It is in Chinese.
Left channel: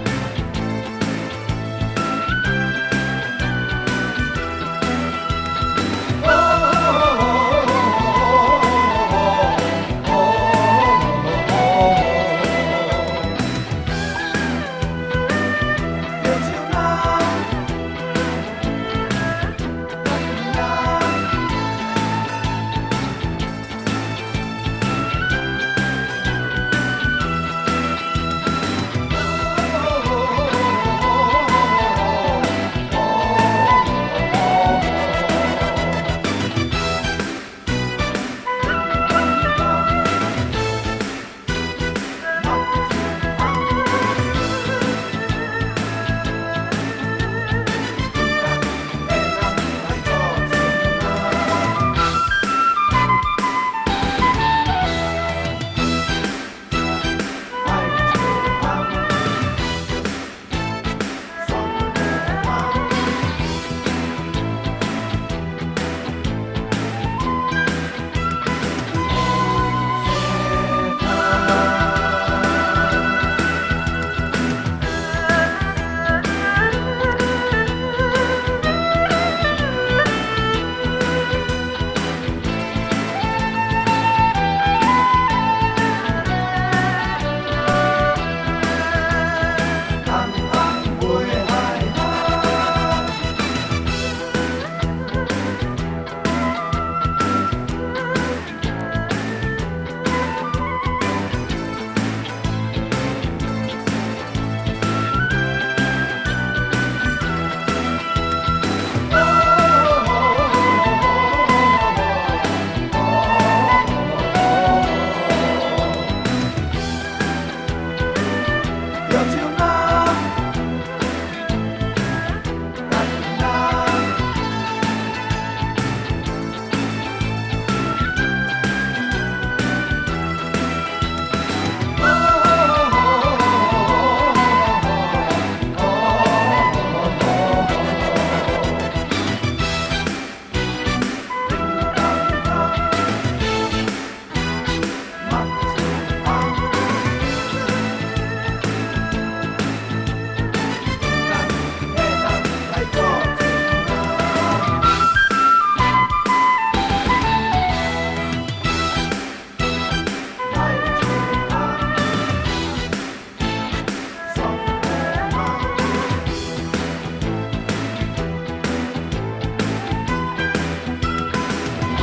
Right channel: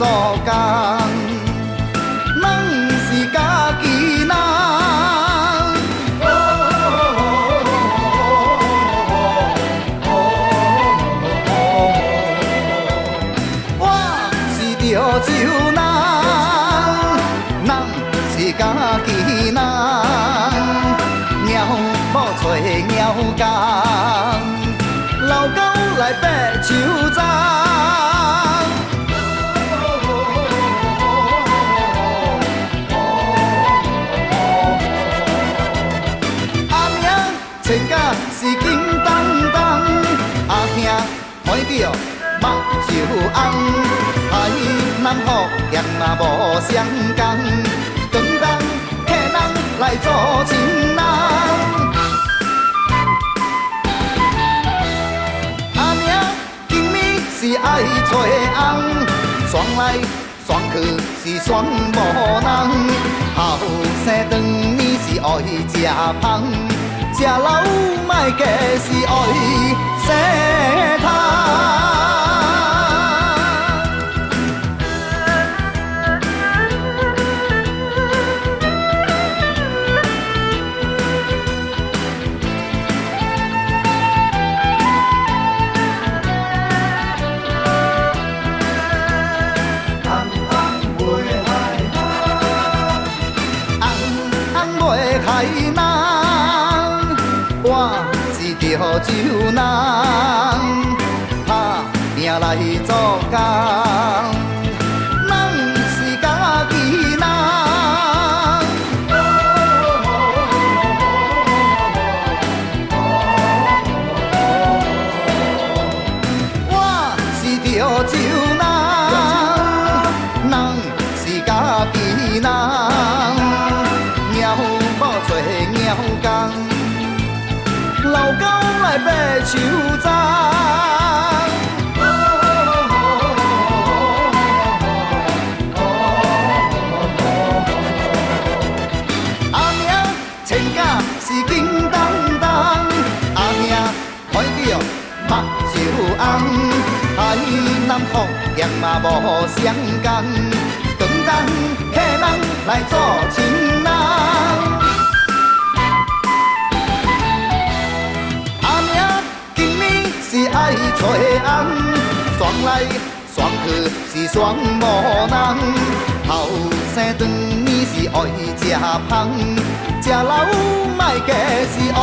做工，咱是家己人。我是潮州人，咱是家己人。鸟某找鸟工，老狗来爬树桩。阿兄穿甲是金当当，阿兄怀着目睭红，爱南福咸啊无相共，长冬客人来做情人。阿兄今暝是爱找红，双来双去是双无人，后生长年是爱食芳，食老莫计是爱洗汤。潮州人，打拼来做工，咱是家己人。我是潮州人，咱是家己人。鸟某做鸟工，老狗来爬树桩。阿兄穿甲是金当当，阿兄怀着目睭红，爱南福咸嘛无相共，长冬客人来做情人。是爱找红，双来双去是双无人，后生长年是爱食芳，食老莫计是爱。